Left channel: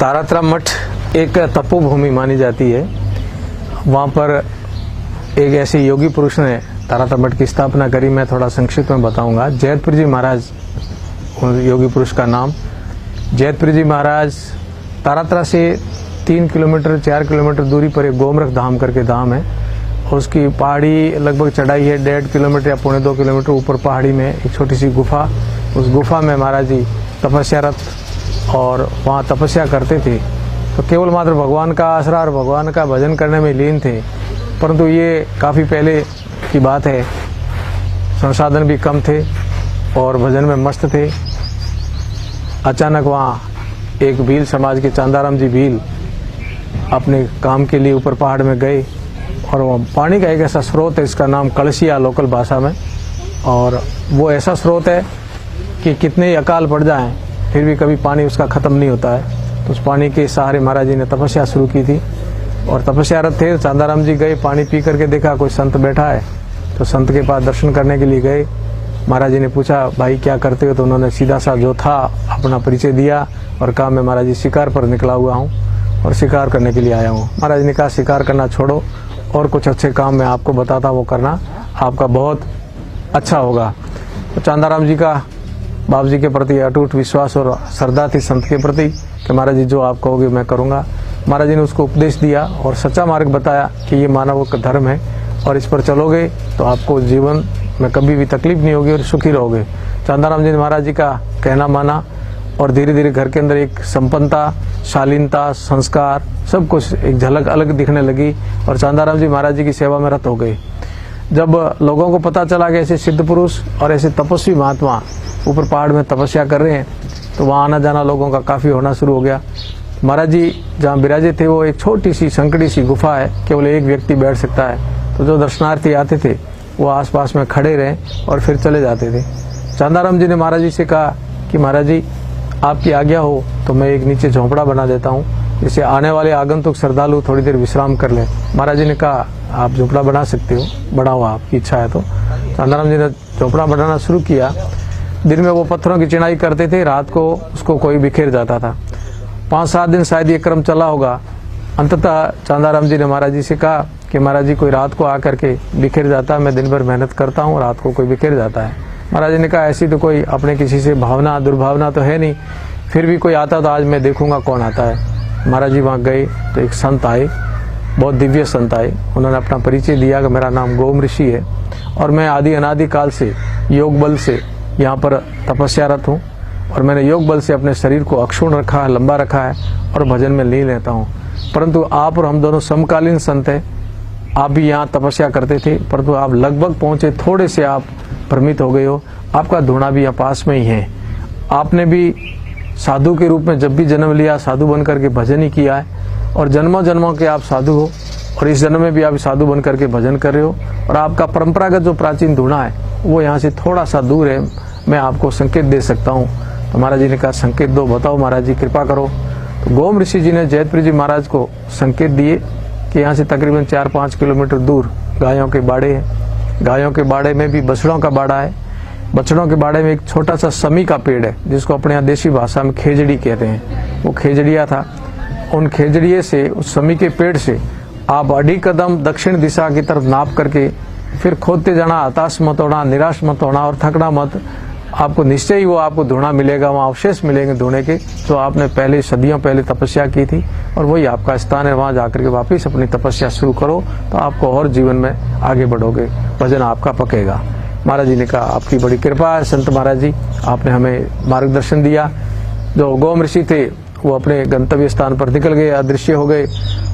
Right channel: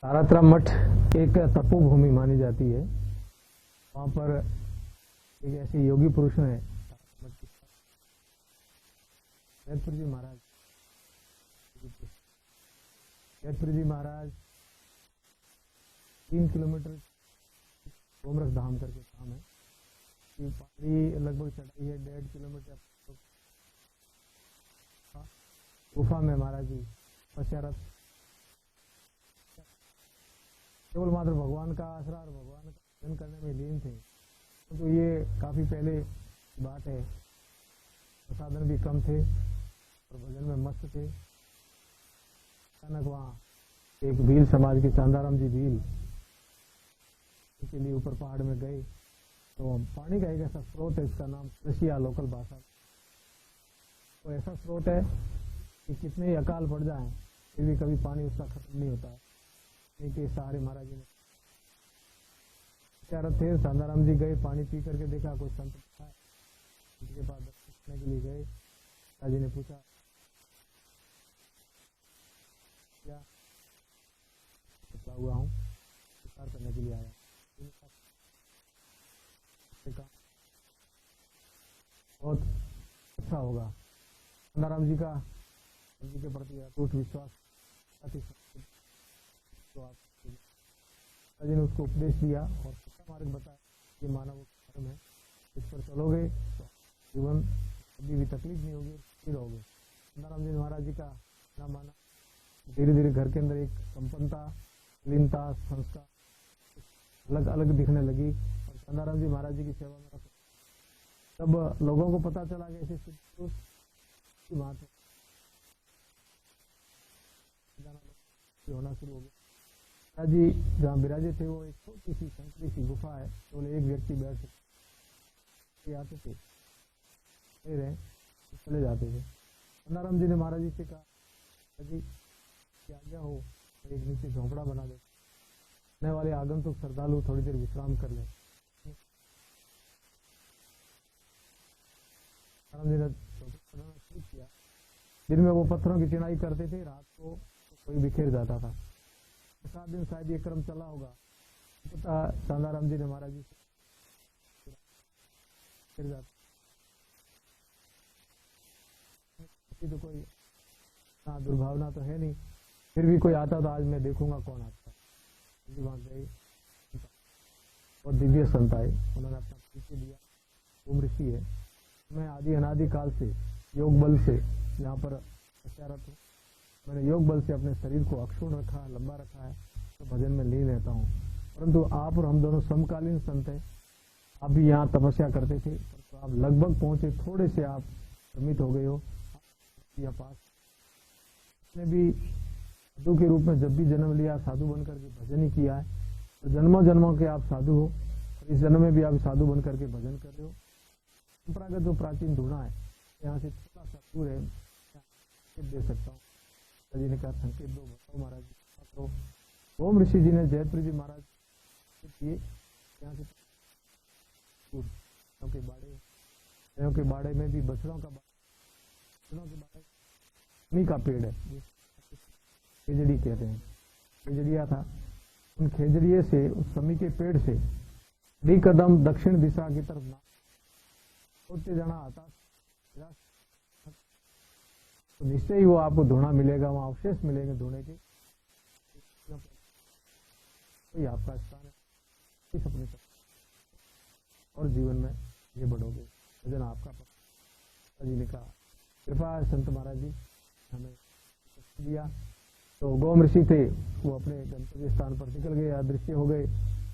तारातरा मठ एक तपोभूमि मानी जाती है। वहाँ पर एक ऐसे योगी पुरुष ने तारातरा मठ की स्थापना करी। मैं थोड़ा संक्षिप्त में बताऊंगा। जैतपुर जी महाराज योगी पुरुष का नाम। जैतपुर जी महाराज तारातरा से 3 किलोमीटर 4 किलोमीटर दूरी पर एक गोमरख धाम करके धाम है। उसकी पहाड़ी लगभग चढ़ाई है 1.5 किलोमीटर या 2.25 किलोमीटर ऊपर पहाड़ी में एक छोटी सी गुफा। उस गुफा में महाराज जी तपस्यारत और वहाँ तपस्या करते थे। तो केवल मात्र भगवान का आसरा और भगवान का भजन करने में लीन थे। परंतु ये काफ़ी पहले की बात है, संसाधन भी कम थे और भजन में मस्त थे। अचानक वहाँ एक भील समाज के चांदाराम जी भील अपने काम के लिए ऊपर पहाड़ में गए और वह पानी का एक ऐसा स्रोत है, इसका नाम कलसिया लोकल भाषा में, और वो ऐसा स्रोत है कि कितने ही अकाल पड़ जाएं फिर भी कभी पानी उसका ख़त्म नहीं होता है। तो उस पानी के सहारे महाराज जी ने तपस्या शुरू की थी और तपस्यारत थे। चांदाराम जी गए, पानी पी करके देखा कोई संत बैठा है, तो संत के पास दर्शन करने के लिए गए। महाराज जी ने पूछा भाई क्या करते हो, तो उन्होंने सीधा सा जो था अपना परिचय दिया और कहा मैं महाराज जी शिकार पर निकला हुआ हूँ और शिकार करने के लिए आया हूँ। महाराज ने कहा शिकार करना छोड़ो और कुछ अच्छे काम मैं आपको बताता, वो करना आपका बहुत अच्छा होगा। तो चांदाराम जी का बाबू जी के प्रति अटूट विश्वास और श्रद्धा थी संत के प्रति कि महाराज जी जो आप कहोगे मैं करूँगा। महाराज जी ने उसको उपदेश दिया और सच्चा मार्ग बताया कि ये मानव का धर्म है और इस पर चलोगे तो आपको जीवन में कभी भी तकलीफ नहीं होगी और सुखी रहोगे। चांदाराम जी ने महाराज जी का कहना माना और धीरे धीरे घर के अंदर एक संपन्नता, शालीनता, संस्कार सब कुछ एक झलक अलग दिखने लगी और चांदाराम जी महाराज जी की सेवा में रत हो गए। जब लोगों को पता चला कि ऐसे सिद्ध पुरुष और ऐसे तपस्वी महात्मा ऊपर पहाड़ में तपस्या कर रहे हैं, तो वहाँ आना जाना लोगों का काफ़ी होना शुरू हो गया। महाराज जी जहाँ विराजे थे वो एक छोटी सी संकड़ी सी गुफा है, केवल एक व्यक्ति बैठ सकता है। तो जो दर्शनार्थी आते थे वो आसपास में खड़े रहे और फिर चले जाते थे। चांदाराम जी ने महाराज जी से कहा कि महाराज जी आपकी आज्ञा हो तो मैं एक नीचे झोंपड़ा बना देता हूँ, जिससे आने वाले आगंतुक श्रद्धालु थोड़ी देर विश्राम कर लें। महाराज जी ने कहा आप झोंपड़ा बना सकते हो, बढ़ाओ आपकी इच्छा है। तो चांदाराम जी ने झोंपड़ा बनाना शुरू किया। दिन में वो पत्थरों की चिनाई करते थे, रात को उसको कोई बिखेर जाता था। 5-7 दिन शायद ये क्रम चला होगा। अंततः चांदाराम जी ने महाराज जी से कहा कि महाराज जी कोई रात को आकर के बिखेर जाता है, मैं दिन भर मेहनत करता हूँ, रात को कोई बिखेर जाता है। महाराज जी ने कहा ऐसी तो कोई अपने किसी से भावना दुर्भावना तो है नहीं, फिर भी कोई आता तो आज मैं देखूंगा कौन आता है। महाराज जी वहाँ गए तो एक संत आए, बहुत दिव्य संत आए। उन्होंने अपना परिचय दिया कि मेरा नाम गोम ऋषि है और मैं आदि अनादि काल से योग बल से यहाँ पर तपस्यारत हूँ और मैंने योग बल से अपने शरीर को अक्षुण रखा है, लंबा रखा है और भजन में लीन रहता हूँ। परंतु आप और हम दोनों समकालीन संत हैं। आप भी यहाँ तपस्या करते थे, परंतु आप लगभग पहुँचे, थोड़े से आप भ्रमित हो गए हो। आपका धूणा भी यहाँ पास में ही है। आपने भी साधु के रूप में जब भी जन्म लिया साधु बन करके भजन ही किया है और जन्मों जन्मों के आप साधु हो और इस जन्म में भी आप साधु बन करके भजन कर रहे हो। और आपका परंपरागत जो प्राचीन धूणा है वो यहाँ से थोड़ा सा दूर है, मैं आपको संकेत दे सकता हूँ। तो महाराज जी ने कहा संकेत दो, बताओ महाराज जी कृपा करो। तो गोम ऋषि जी ने जैतपुर जी महाराज को संकेत दिए कि यहाँ से तकरीबन 4-5 किलोमीटर दूर गायों के बाड़े हैं। गायों के बाड़े में भी बछड़ों का बाड़ा है। बछड़ों के बाड़े में एक छोटा सा समी का पेड़ है, जिसको अपने यहाँ देसी भाषा में खेजड़ी कहते हैं। वो खेजड़िया था। उन खेजड़िए से, उस समी के पेड़ से आप 2.5 कदम दक्षिण दिशा की तरफ नाप करके फिर खोदते जाना, हताश मत होना, निराश मत होना और थकना मत। आपको निश्चय ही वो आपको धूणा मिलेगा, वहाँ अवशेष मिलेंगे धूणे के, जो आपने पहले सदियों पहले तपस्या की थी और वही आपका स्थान है। वहाँ जाकर के वापस अपनी तपस्या शुरू करो तो आपको और जीवन में आगे बढ़ोगे, भजन आपका पकेगा। महाराज जी ने कहा आपकी बड़ी कृपा है संत महाराज जी, आपने हमें मार्गदर्शन दिया। जो गोम ऋषि थे वो अपने गंतव्य स्थान पर निकल गए, अदृश्य हो गए।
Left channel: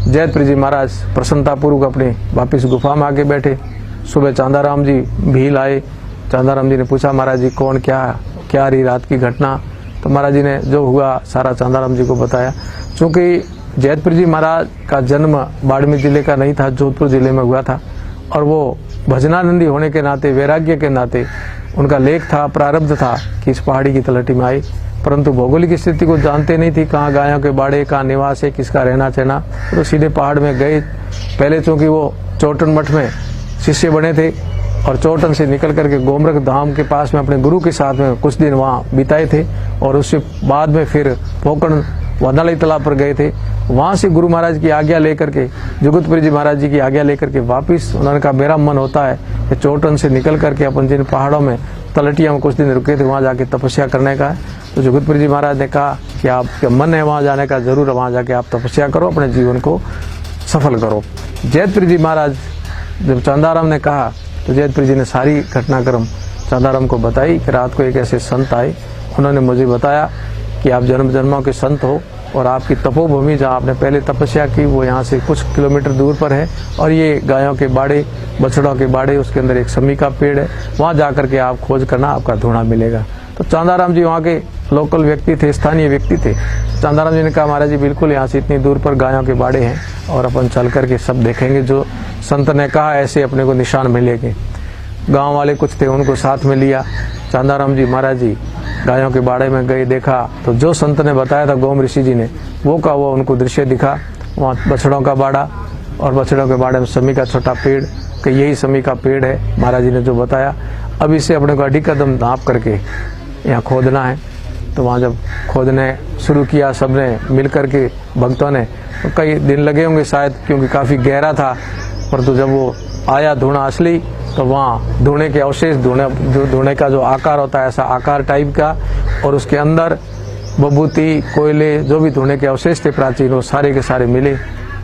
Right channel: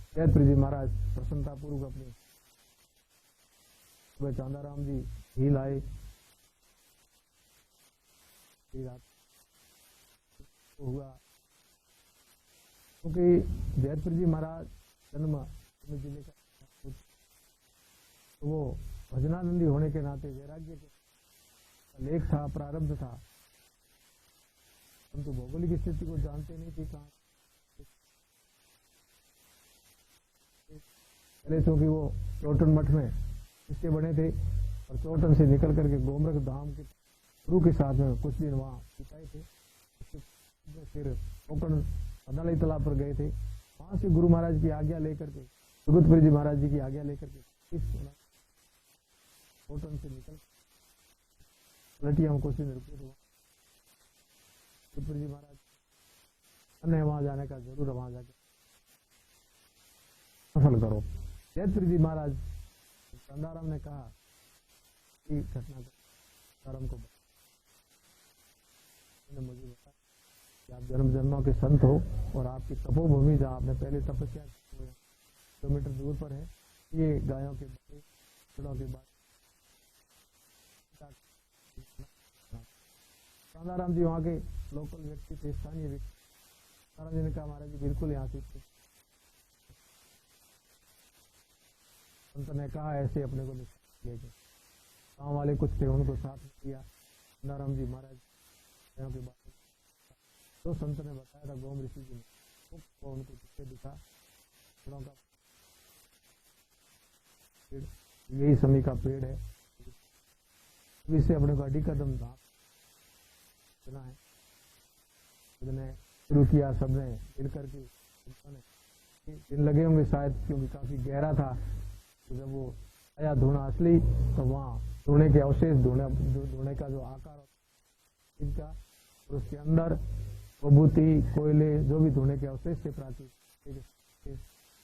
जैतपुर जी महाराज प्रसन्नतापूर्वक अपने वापिस गुफा में आके बैठे। सुबह चांदाराम जी भील आए। चांदाराम जी ने पूछा महाराज जी कौन क्या रही रात की घटना। तो महाराज जी ने जो हुआ सारा चांदाराम जी को बताया। चूँकि जैतपुर जी महाराज का जन्म बाड़मेर जिले का नहीं था, जोधपुर जिले में हुआ था और वो भजनानंदी होने के नाते, वैराग्य के नाते उनका लेख था, प्रारब्ध था कि इस पहाड़ी की तलहटी में आए। परंतु भौगोलिक स्थिति को जानते नहीं थी, कहाँ गायों के बाड़े, कहाँ निवास है, किसका रहना सहना। तो सीधे पहाड़ में गए। पहले चूँकि वो चौटन मठ में शिष्य बने थे और चौटन से निकल करके गोमरख धाम के पास में अपने गुरु के साथ में कुछ दिन वहाँ बिताए थे और उससे बाद में फिर पोकरण वादाली तालाब पर गए थे। वहां से गुरु महाराज की आज्ञा लेकर के, जुगतपुरी जी महाराज जी की आज्ञा लेकर के वापिस उन्होंने कहा मेरा मन होता है कि चोटन से निकल करके अपन जिन पहाड़ों में तलटिया में कुछ दिन रुके थे वहां जाके तपस्या करने का है। तो जुगतपुरी जी महाराज ने कहा कि आपका मन है वहां जाने का, जरूर वहां जाके आप तपस्या करो, अपने जीवन को सफल करो। जैतपुरी जी महाराज जब चांदाराम ने कहा तो जैतपुरी जी ने सारी घटनाक्रम चांदाराम को बताई कि रात को एक ऐसे संत आए, उन्होंने मुझे बताया कि आप जन्म जन्मों के संत हो और आपकी तपोभूमि जहाँ आपने पहले तपस्या की वो यहाँ से कुछ किलोमीटर दूर पर है, और ये गायों के बाड़े, बछड़ों के बाड़े, उसके अंदर एक समी का पेड़ है, वहाँ जा करके आप खोज करना, आपका धूणा मिलेगा। तो चांदाराम जी वहाँ के लोकल व्यक्ति थे, स्थानीय व्यक्ति थे। चांदाराम जी ने कहा महाराज जी बिल्कुल यहाँ से इतनी दूर पर गायों के बाड़े हैं और अपन चल करके सब देखेंगे, जो संत ने कहा ऐसे अपने को निशान मिलेंगे। गाँव वाले कुछ थे, उनको साथ में लिया। चांदाराम जी महाराज जी गायों के बाड़े में गए, देखा तो जो संत ने बताया था गोम ऋषि जी ने वो का वो उनको दृश्य दिखा। वहाँ बछड़ों का बाड़ा और बछड़ों के बाड़े में समी का छोटा पेड़, कि यही समी का पेड़ है महाराज जी ने जो बताया। अब इसे अपने को अड़ी कदम नाप करके यहाँ खोदना है। तो वहाँ जब खोदने शुरू किया सबने मिल करके भक्तों ने, तो कई दिन लगे होंगे शायद क्योंकि काफ़ी गहरा था, परंतु जब वो आया धूणा असली तो वहाँ धूणे के अवशेष, धूणे का जो आकार होता है ऐसा आकार टाइप का, और उसके अंदर बबूती, कोयले, जो भी धूणे के अवशेष थे प्राचीन वो सारे के सारे मिले।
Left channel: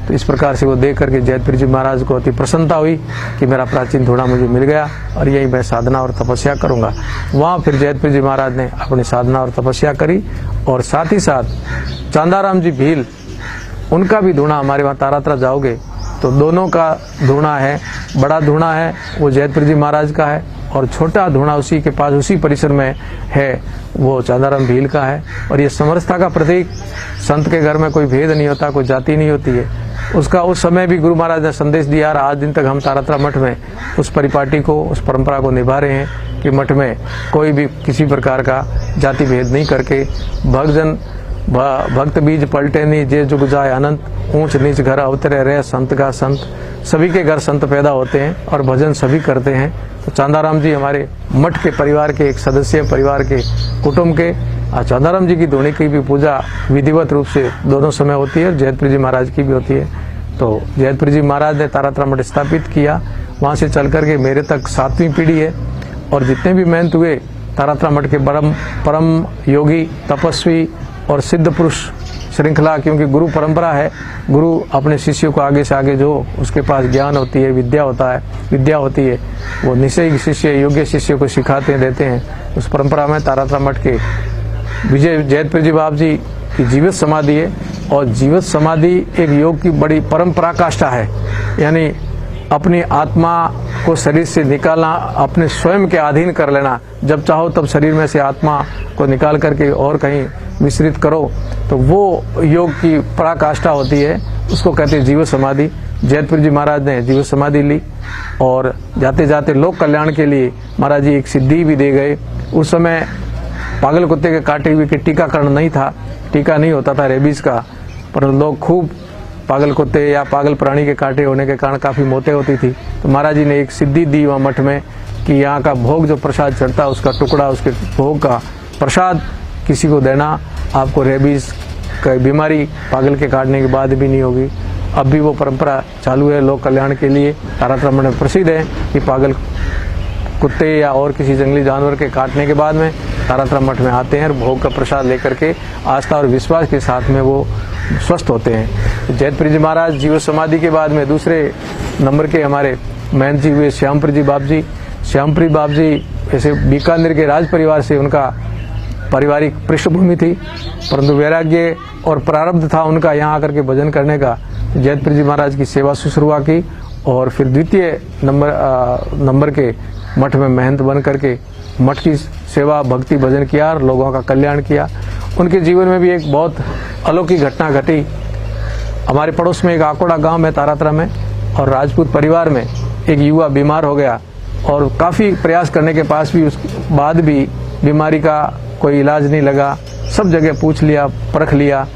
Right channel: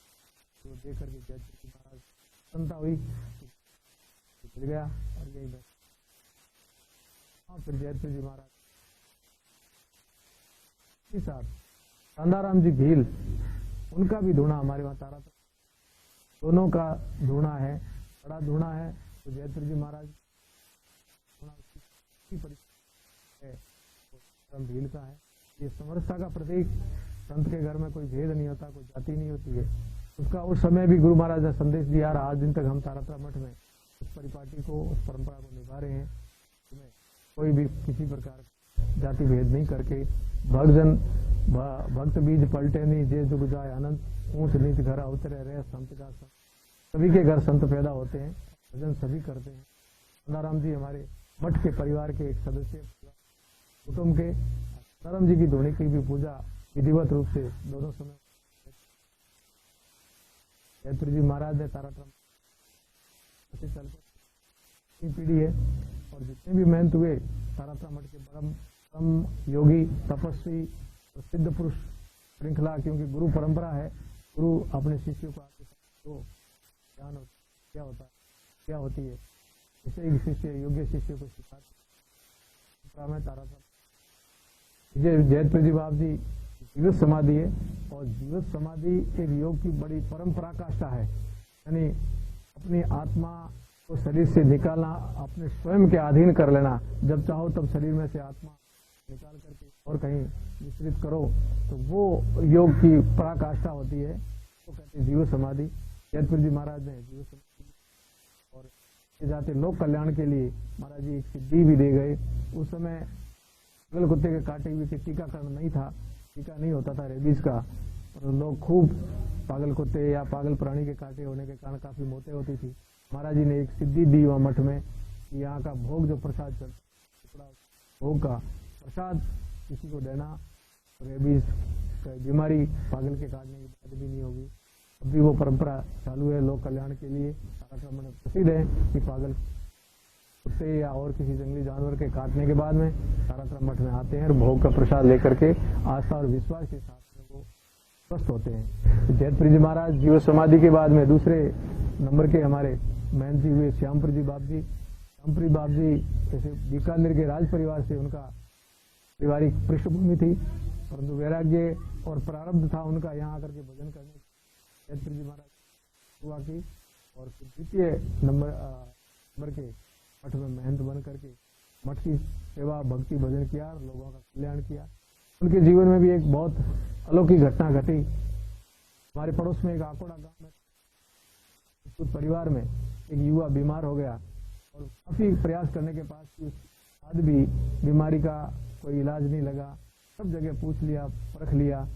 तो इस प्रकार से वो देख करके जैतपुरी जी महाराज को अति प्रसन्नता हुई कि मेरा प्राचीन धूणा मुझे मिल गया और यही मैं साधना और तपस्या करूंगा। वहाँ फिर जैतपुरी जी महाराज ने अपनी साधना और तपस्या करी, और साथ ही साथ चांदाराम जी भील, उनका भी धूणा हमारे वहाँ तारात्रा जाओगे तो दोनों का धूणा है। बड़ा धूणा है वो जैतपुरी जी महाराज का है, और छोटा धूणा उसी के पास उसी परिसर में है वो चांदाराम भील का है। और ये समरसता का प्रतीक, संत के घर में कोई भेद नहीं होता, कोई जाति नहीं होती है। उसका उस समय भी गुरु महाराज ने संदेश दिया, और आज दिन तक हम तारात्रा मठ में उस परिपाटी को, उस परंपरा को निभा रहे हैं कि मठ में कोई भी किसी प्रकार का जाति भेद नहीं करके भक्त बीज पलटे नहीं, जे जुग जाए अनंत, ऊंच नीच घर अवतरे रहे संत का संत। सभी के घर संत पैदा होते हैं और भजन सभी करते हैं। तो चांदाराम जी हमारे मठ के परिवार के एक सदस्य, परिवार के कुटुंब के। चांदाराम जी की धूणी की भी पूजा विधिवत रूप से दोनों समय होती है, जैतपुरी जी महाराज की भी होती है। तो जैतपुरी जी महाराज ने तारात्रा मठ स्थापित किया, वहाँ से चल करके मेरे तक 7वीं पीढ़ी है, और जितने भी महंत हुए तारात्रा मठ के परम योगी, तपस्वी और सिद्ध पुरुष श्रृंखला, क्योंकि गुरु परंपरा है, गुरु अपने शिष्यों को आगे से आगे जो उसके पास ज्ञान होती है, विद्या होती है, वो निश्चय शिष्य, योग्य शिष्य को सिखाते हैं, देते हैं। उस परंपरा में तारात्रा मठ के विजय जैतपुरी जी बाप जी की जीवित समाधि है, और जीवित समाधि एक योग की बड़ी परम पराकाष्ठा है। यानी अपनी आत्मा को शरीर से निकालना, अपने स्वयं के अधीन कर लेना, जब चाहो तब शरीर में से आत्मा को निकाल करके और कहीं विस्तृत करो, तो वो योग की पराकाष्ठा होती है, उसको कहते हैं जीवित समाधि। जैतपुरी जी महाराज ने जीवित समाधि ली, और जाते जाते लोक कल्याण के लिए महाराज जी एक सिद्धि भी दे गए। उस समय पागल कुत्ते के काटे हुए के टीकाकरण नहीं था, टीका नहीं होता था रेबीज का, पर लोग खूब पागल कुत्ते या पागल प्राणी के काटे होने के कारण काफ़ी मौतें होती थी। तो महाराज जी ने एक सिद्धि दी वहाँ मठ में कि यहाँ का भोग जो प्रसाद चढ़ता है उसका टुकड़ा, उसके भोग का प्रसाद किसी को देना, आपको रेबीज की बीमारी पागल के काटने के बाद भी नहीं होगी। अब भी वो परंपरा चालू है लोक कल्याण के लिए। तारात्रा मठ में प्रसिद्ध है कि पागल कुत्ते या और किसी जंगली जानवर के काटने के बाद में तारात्रा मठ में आते हैं और भोग का प्रसाद लेकर के आस्था और विश्वास के साथ में वो स्वस्थ होते हैं। जैतपुरी जी महाराज जीवित समाधि के बाद में दूसरे नंबर के हमारे महंत जी हुए श्यामपुरी जी बाप जी। श्यामपुरी बाप जी ऐसे बीकानेर के राज परिवार से उनका पारिवारिक पृष्ठभूमि थी, परंतु वैराग्य और प्रारब्ध था उनका यहाँ आकर के भजन करने का। जैतपुरी जी महाराज की सेवा शुश्रूषा की, और फिर द्वितीय नंबर के मठ में महंत बन करके मठ की सेवा, भक्ति, भजन किया और लोगों का कल्याण किया। उनके जीवन में भी एक बहुत अलौकिक घटना घटी। हमारे पड़ोस में एक आकोड़ा गांव है तारात्रा में, और राजपूत परिवार में एक युवा बीमार हो गया, और काफ़ी प्रयास करने के पास भी उस बाद भी बीमारी का कोई इलाज नहीं लगा। सब जगह पूछ लिया, परख लिया,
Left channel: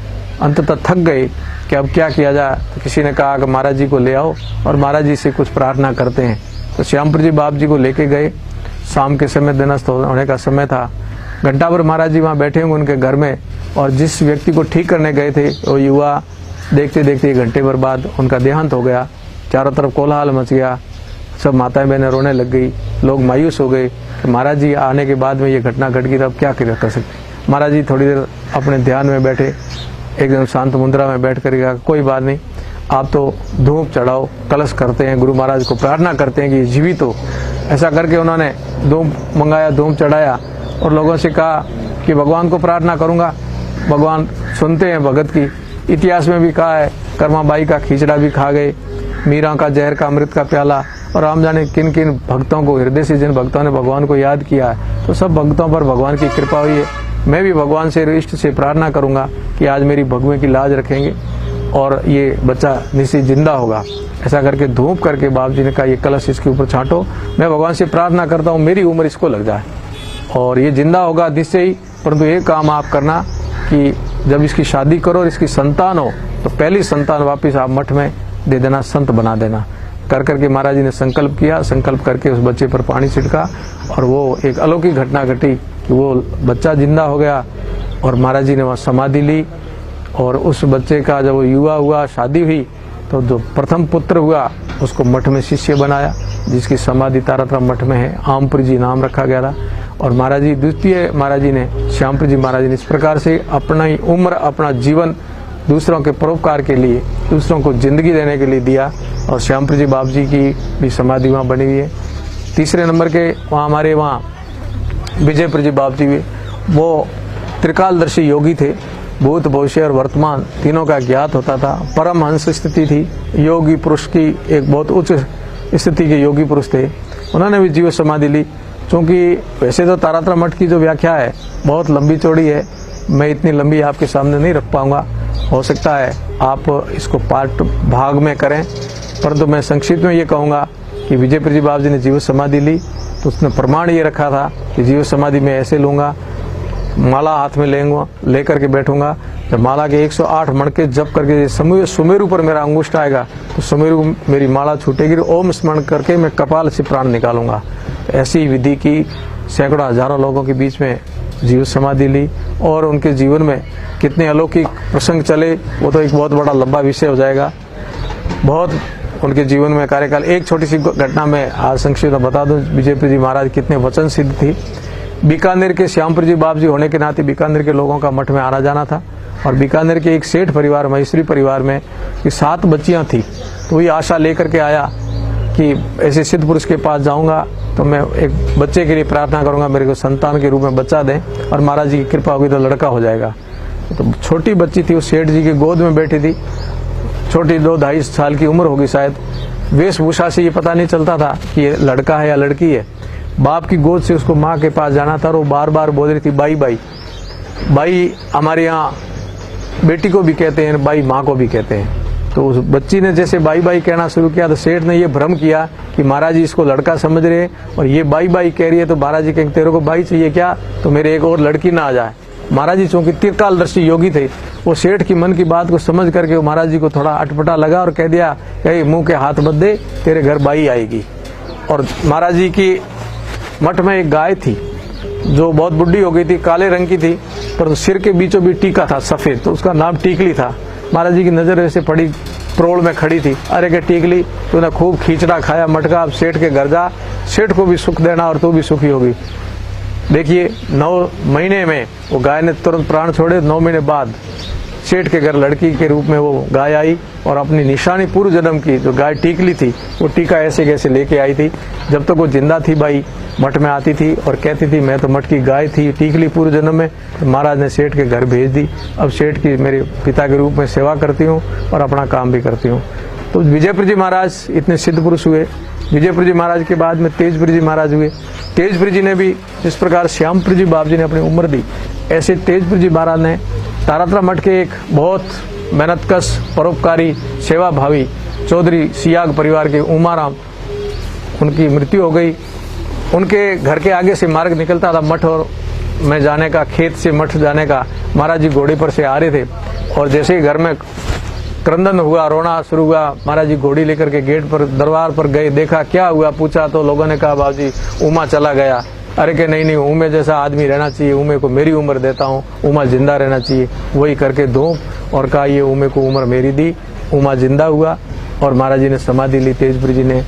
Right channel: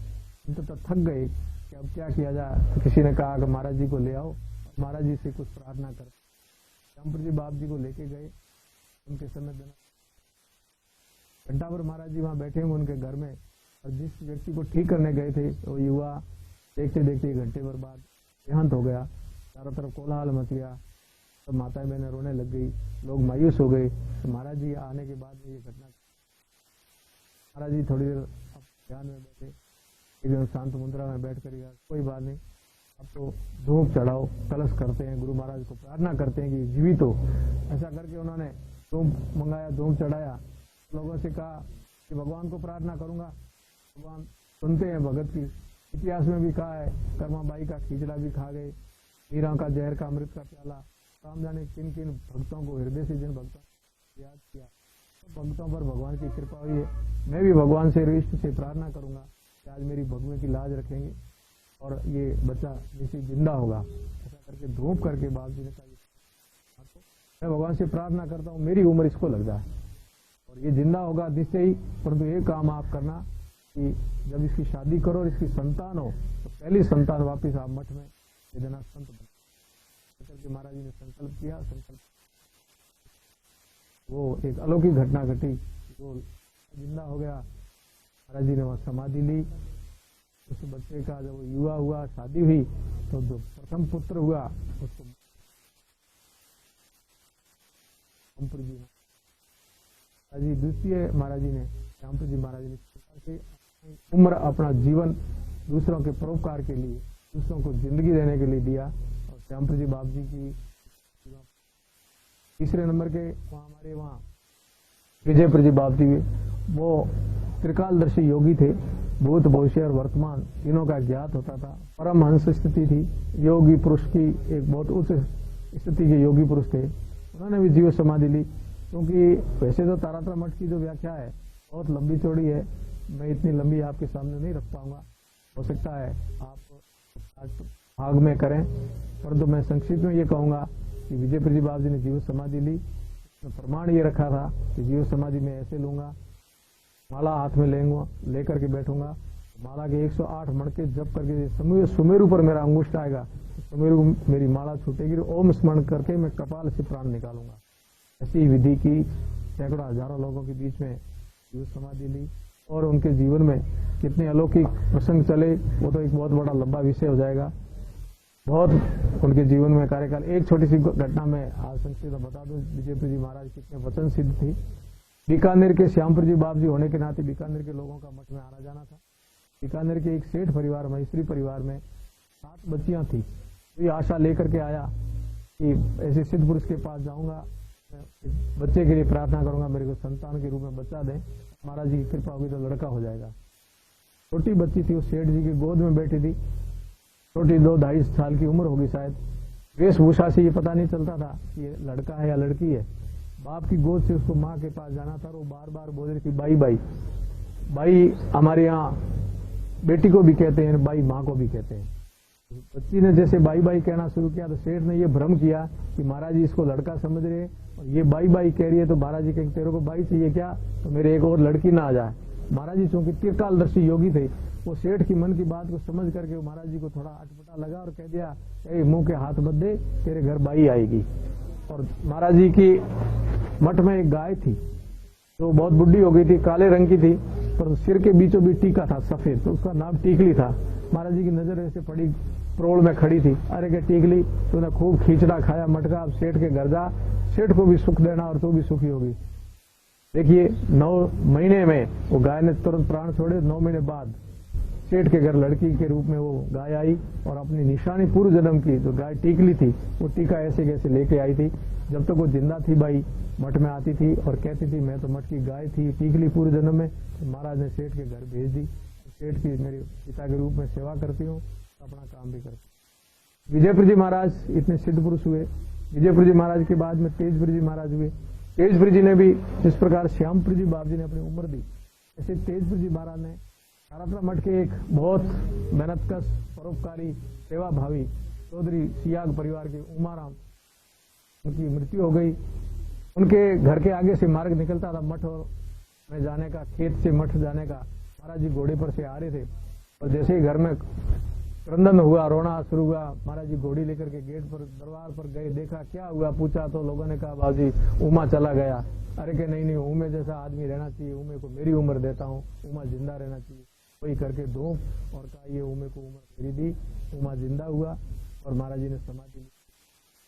अंततः थक गए कि अब क्या किया जाए। तो किसी ने कहा कि महाराज जी को ले आओ और महाराज जी से कुछ प्रार्थना करते हैं। तो श्यामपुरी जी बाप जी को लेके गए। शाम के समय दिनस्थ होने का समय था। घंटा भर महाराज जी वहाँ बैठे होंगे उनके घर में, और जिस व्यक्ति को ठीक करने गए थे वो युवा देखते देखते 1 घंटे भर बाद उनका देहांत हो गया। चारों तरफ कोलाहल मच गया, सब माताएं बहनें रोने लग गई, लोग मायूस हो गए कि महाराज जी आने के बाद में ये घटना घट गई, तो अब क्या कर सकते। महाराज जी थोड़ी देर अपने ध्यान में बैठे, एकदम शांत मुद्रा में बैठ कर कहा कोई बात नहीं, आप तो धूप चढ़ाओ, कलश करते हैं, गुरु महाराज को प्रार्थना करते हैं कि जीवित हो। ऐसा करके उन्होंने धूप मंगाया, धूप चढ़ाया और लोगों से कहा कि भगवान को प्रार्थना करूंगा। भगवान सुनते हैं भगत की। इतिहास में भी कहा है कर्माबाई का खींचड़ा भी खा गए, मीरा का जहर का अमृत का प्याला, और राम जाने किन किन भक्तों को, हृदय से जिन भक्तों ने भगवान को याद किया है, तो सब भक्तों पर भगवान की कृपा हुई है। मैं भी भगवान से, इष्ट से प्रार्थना करूंगा कि आज मेरी भगवे की लाज रखेंगे और ये बच्चा निश्चित जिंदा होगा। ऐसा करके धूप करके बाप जी ने कहा ये कलश इसके ऊपर छांटो, मैं भगवान से प्रार्थना करता हूँ मेरी उम्र इसको लग जाए और ये जिंदा होगा निश्चय ही। परंतु एक काम आप करना कि जब इसकी शादी करो और इसकी संतान हो तो पहली संतान वापिस आप मठ में दे देना, संत बना देना। कर करके महाराज जी ने संकल्प किया, संकल्प करके उस बच्चे पर पानी छिड़का और वो एक अलौकिक घटना घटी कि वो बच्चा जिंदा हो गया और महाराज जी ने वहाँ समाधि ली। और उस बच्चे का जब वो युवा हुआ, शादी हुई, तो जो प्रथम पुत्र हुआ उसको मठ में शिष्य बनाया, जिसकी समाधि तारातम मठ में है, आमपुरी जी नाम रखा गया था। और महाराज जी द्वितीय महाराज जी ने, श्यामपुरी जी महाराज जी ने इस प्रकार से अपना ही उम्र, अपना जीवन दूसरों के परोपकार के लिए, दूसरों को जिंदगी देने के लिए दिया। और श्यामपुरी जी बाप जी की भी समाधि वहाँ बनी हुई है। तीसरे नंबर के वहाँ हमारे वहाँ विजयपुर जी बाप जी भी, वो त्रिकालदर्शी योगी थे, भूत भविष्य और वर्तमान तीनों का ज्ञात होता था। परमहंस स्थिति थी, योगी पुरुष की एक बहुत उच्च स्थिति के योगी पुरुष थे। उन्होंने भी जीव समाधि ली। क्योंकि वैसे तो तारातम मठ की जो व्याख्या है बहुत लंबी चौड़ी है, मैं इतनी लंबी आपके सामने नहीं रख पाऊंगा। हो सकता है आप इसको पार्ट भाग में करें, परंतु मैं संक्षिप्त में ये कहूँगा कि विजयपुर जी बाबा जी ने जीव समाधि ली तो उसने प्रमाण ये रखा था कि जीव समाधि में ऐसे लूँगा, माला हाथ में लेकर के बैठूंगा। जब माला के 108 मणके जप करके सुमेरु पर मेरा अंगुष्ठ आएगा तो सुमेरु मेरी माला छूटेगी, ओम स्मरण करके मैं कपाल से प्राण निकालूंगा। ऐसी विधि की सैकड़ों हजारों लोगों के बीच में जीव समाधि ली और उनके जीवन में कितने अलौकिक प्रसंग चले वो तो एक बहुत बड़ा लंबा विषय हो जाएगा। बहुत उनके जीवन में कार्यकाल, एक छोटी सी घटना में आज संक्षिप्त बता दूं, विजयपुर जी महाराज कितने वचन सिद्ध थी। बीकानेर के श्यामपुर जी बाप जी होने के नाते बीकानेर के लोगों का मठ में आना जाना था और बीकानेर के एक सेठ परिवार, महेश्वरी परिवार में कि 7 बच्चियां थी। तो वही आशा लेकर के आया कि ऐसे सिद्ध पुरुष के पास जाऊंगा तो मैं एक बच्चे के लिए प्रार्थना करूंगा, मेरे को संतान के रूप में बच्चा दें और महाराज जी की कृपा होगी तो लड़का हो जाएगा। तो छोटी बच्ची थी, वो सेठ जी की गोद में बैठी थी, छोटी 2-2.5 साल की उम्र होगी शायद। वेशभूषा से ये पता नहीं चलता था कि ये लड़का है या लड़की है। बाप की गोद से उसको माँ के पास जाना था और वो बार बार बोल रही थी बाई बाई बाई। हमारे यहाँ बेटी को भी कहते हैं, बाई माँ को भी कहते हैं। तो उस बच्ची ने जैसे बाई बाई कहना शुरू किया तो सेठ ने ये भ्रम किया कि महाराज जी इसको लड़का समझ रहे हैं और ये बाई बाई कह रही है, तो महाराज जी कहेंगे तेरे को बाई चाहिए क्या, तो मेरे एक और लड़की ना आ जाए। महाराज जी चूंकि त्रिकालदर्शी योगी थे, वो सेठ की मन की बात को समझ करके महाराज जी को थोड़ा अटपटा लगा और कह दिया कि मुंह के हाथ मत दे, तेरे घर बाई आएगी। और महाराज जी की मठ में एक गाय थी जो बहुत बुढ़ी हो गई थी, काले रंग की थी, पर तो सिर के बीचों बीच टीका था सफेद, तो उसका नाम टीकली था। महाराज जी की नजर ऐसे पड़ी, प्रोड़ में खड़ी थी, अरे के टीकली तूने खूब खींचड़ा खाया मटका, अब सेठ के घर जा, सेठ को भी सुख देना और तू भी सुखी होगी। देखिए 9 महीने में वो गाय ने तुरंत प्राण छोड़े। 9 महीने बाद सेठ के घर लड़की के रूप में वो गाय आई और अपनी निशानी पूर्व जन्म की जो गाय टीकली थी वो टीका ऐसे कैसे लेके आई थी। जब तक वो जिंदा थी बाई मठ में आती थी और कहती थी मैं तो मठ की गाय थी, टीकली पूर्व जन्म में। तो महाराज ने सेठ के घर भेज दी। अब सेठ की मेरे पिता के रूप में सेवा करती हूँ और अपना काम भी करती हूँ। तो विजयपुर जी महाराज इतने सिद्ध पुरुष हुए। विजयपुर जी महाराज के बाद में तेजपुर जी महाराज हुए। तेजपुर जी ने भी जिस प्रकार श्यामपुर जी बाप जी ने अपनी उम्र दी, ऐसे तेजपुर जी महाराज ने तारातम मठ के एक बहुत मेहनतकश, परोपकारी, सेवा भावी चौधरी सियाग परिवार के उमाराम, उनकी मृत्यु हो गई। उनके घर के आगे से मार्ग निकलता था मठ और में जाने का, खेत से मठ जाने का। महाराज जी घोड़े पर से आ रहे थे और जैसे ही घर में क्रंदन हुआ, रोना शुरू हुआ, महाराज जी घोड़ी लेकर के गेट पर, दरबार पर गए, देखा क्या हुआ, पूछा तो लोगों ने कहा बाबूजी उमा चला गया। अरे कि नहीं उमे जैसा आदमी रहना चाहिए, उमे को मेरी उम्र देता हूँ, उमा जिंदा रहना चाहिए। वही करके धूप और कहा ये उमे को उम्र मेरी दी। उमा जिंदा हुआ और महाराज जी ने समाधि ली, तेजपुर जी ने।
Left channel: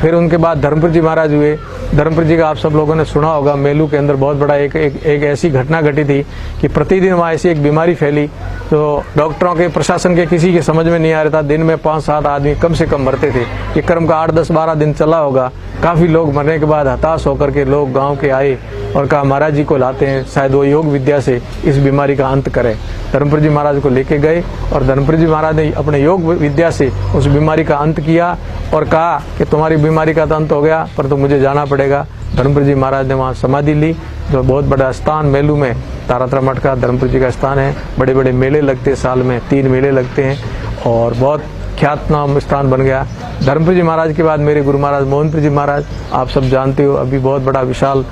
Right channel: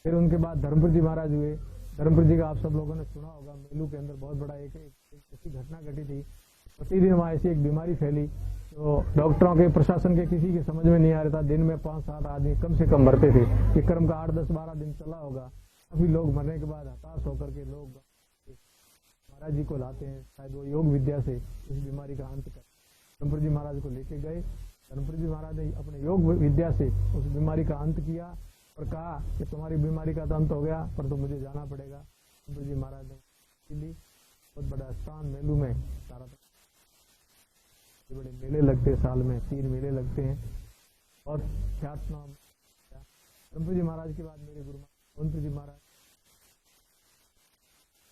फिर उनके बाद धर्मपुर जी महाराज हुए। धर्मपुर जी का आप सब लोगों ने सुना होगा, मेलू के अंदर बहुत बड़ा एक ऐसी घटना घटी थी कि प्रतिदिन वहाँ ऐसी एक बीमारी फैली तो डॉक्टरों के, प्रशासन के किसी के समझ में नहीं आ रहा था। दिन में 5-7 आदमी कम से कम मरते थे। ये क्रम का 8-10-12 दिन चला होगा। काफी लोग मरने के बाद हताश होकर के लोग गांव के आए और कहा महाराज जी को लाते हैं, शायद वो योग विद्या से इस बीमारी का अंत करें। धर्मपुर जी महाराज को लेके गए और धर्मपुर जी महाराज ने अपने योग विद्या से उस बीमारी का अंत किया और कहा कि तुम्हारी बीमारी का तो अंत हो गया, पर तो मुझे जाना पड़ेगा। धर्मपुर जी महाराज ने वहाँ समाधि ली, जो बहुत बड़ा स्थान मेलू में तारातरा मठ का धर्मपुर जी का स्थान है। बड़े बड़े मेले लगते हैं, साल में 3 मेले लगते हैं और बहुत ख्यातनाम स्थान बन गया। धर्मपुर जी महाराज के बाद मेरे गुरु महाराज मोहनपुर जी महाराज, आप सब जानते हो, अभी बहुत बड़ा विशाल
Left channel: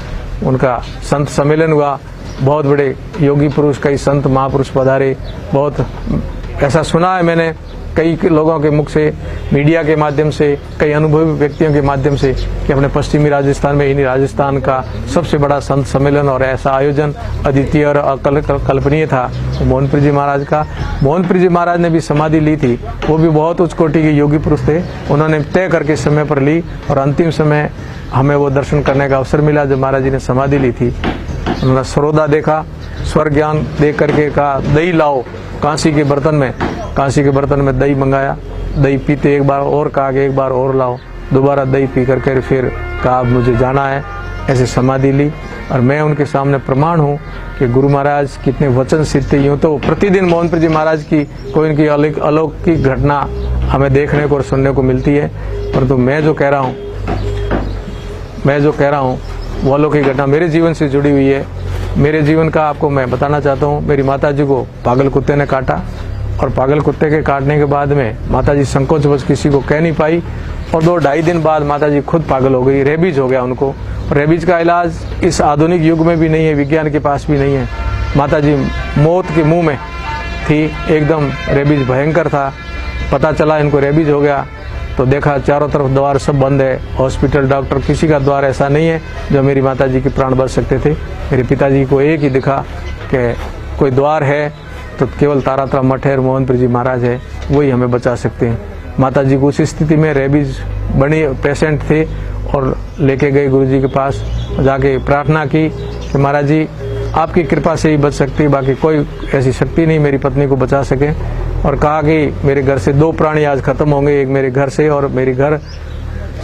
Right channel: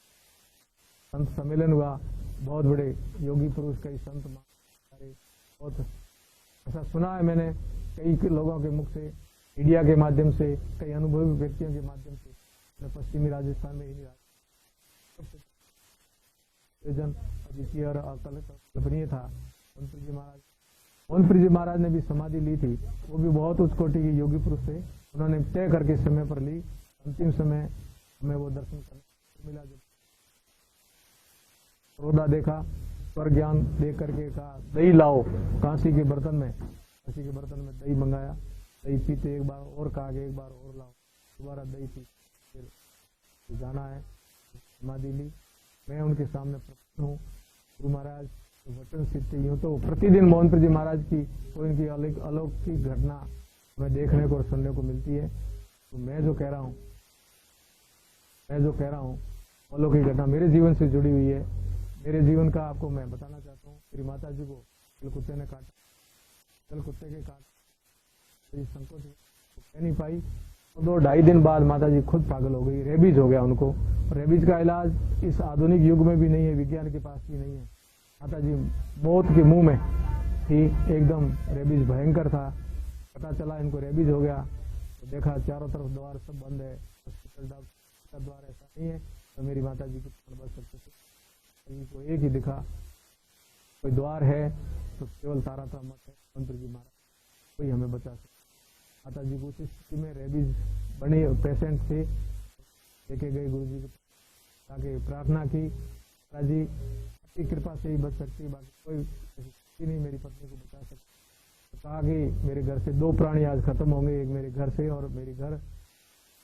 उनका संत सम्मेलन हुआ। बहुत बड़े योगी पुरुष, कई संत महापुरुष पधारे। बहुत ऐसा सुना है मैंने कई लोगों के मुख से, मीडिया के माध्यम से, कई अनुभवी व्यक्तियों के माध्यम से कि अपने पश्चिमी राजस्थान में, इन्हीं राजस्थान का सबसे बड़ा संत सम्मेलन और ऐसा आयोजन अद्वितीय और अकल्पनीय था मोहनपुर जी महाराज का। मोहनपुर जी महाराज ने भी समाधि ली थी। वो भी बहुत उच्च कोटि के योगी पुरुष थे। उन्होंने तय करके समय पर ली और अंतिम समय हमें वो दर्शन करने का अवसर मिला जब महाराज जी ने समाधि ली थी। उन्होंने सरोदा देखा, स्वर्ग ज्ञान देख करके कहा दही लाओ कांसी के बर्तन में। कांसी के बर्तन में दही मंगाया, दही पीते एक बार और कहा कि एक बार और लाओ। दोबारा दही पी करके फिर कहा मुझे जाना है। ऐसे समाधि ली और मैं उनके सामने प्रमाण हूँ कि गुरु महाराज कितने वचन सिद्ध थे। यूँ तो प्रतिदिन मोहनपुर जी महाराज की कोई इनकी अलौकिक घटना हमें देखने को और सुनने को मिलती है, परंतु मैं जो कह रहा हूँ वो अलौकिक घटना मेरे जीवन से जुड़ी हुई है। मेरे जीवन का आपको मैं बताना चाहता हूँ। मेरी माता जी को पागल कुत्ते ने काटा और पागल कुत्ते के काटने के बाद में माता जी संकोचवश किसी को कह नहीं पाई और 2-2.5 दिन बाद माता जी खुद पागल हो गई। रेबीज हो गया उनको। रेबीज का इलाज इस आधुनिक युग में भी नहीं है, विज्ञान के पास भी नहीं है। माता जी मौत के मुंह में थी, एकदम रेबीज भयंकर था। पता चला इनको रेबीज हो गया तो देखा चारों तरफ द्वार सब बंद है। हॉस्पिटल, डॉक्टर, किसी का द्वार ऐसा नहीं है जो मेरी माता जी के प्राण बच सकते थे। मेरे पिताजी को एक ही दिखा कि कोई द्वार है तो केवल तारातरा मठ है और मोहनपुर जी महाराज है, वही हमें बचा सकते हैं। माता जी को उस स्थिति में रेबीज बनी पेशेंट थे और लेके गए गुरु जी के पास, जाके प्रार्थना की कि महाराज जी आपकी कृपा से ही बच सकती है, बाकी कोई ऐसी शक्ति नहीं मेरी पत्नी को बचा सके। और कहा कि मेरे घर से 2 प्राणी आज खत्म होंगे, एक मेरे घर से और मेरे घर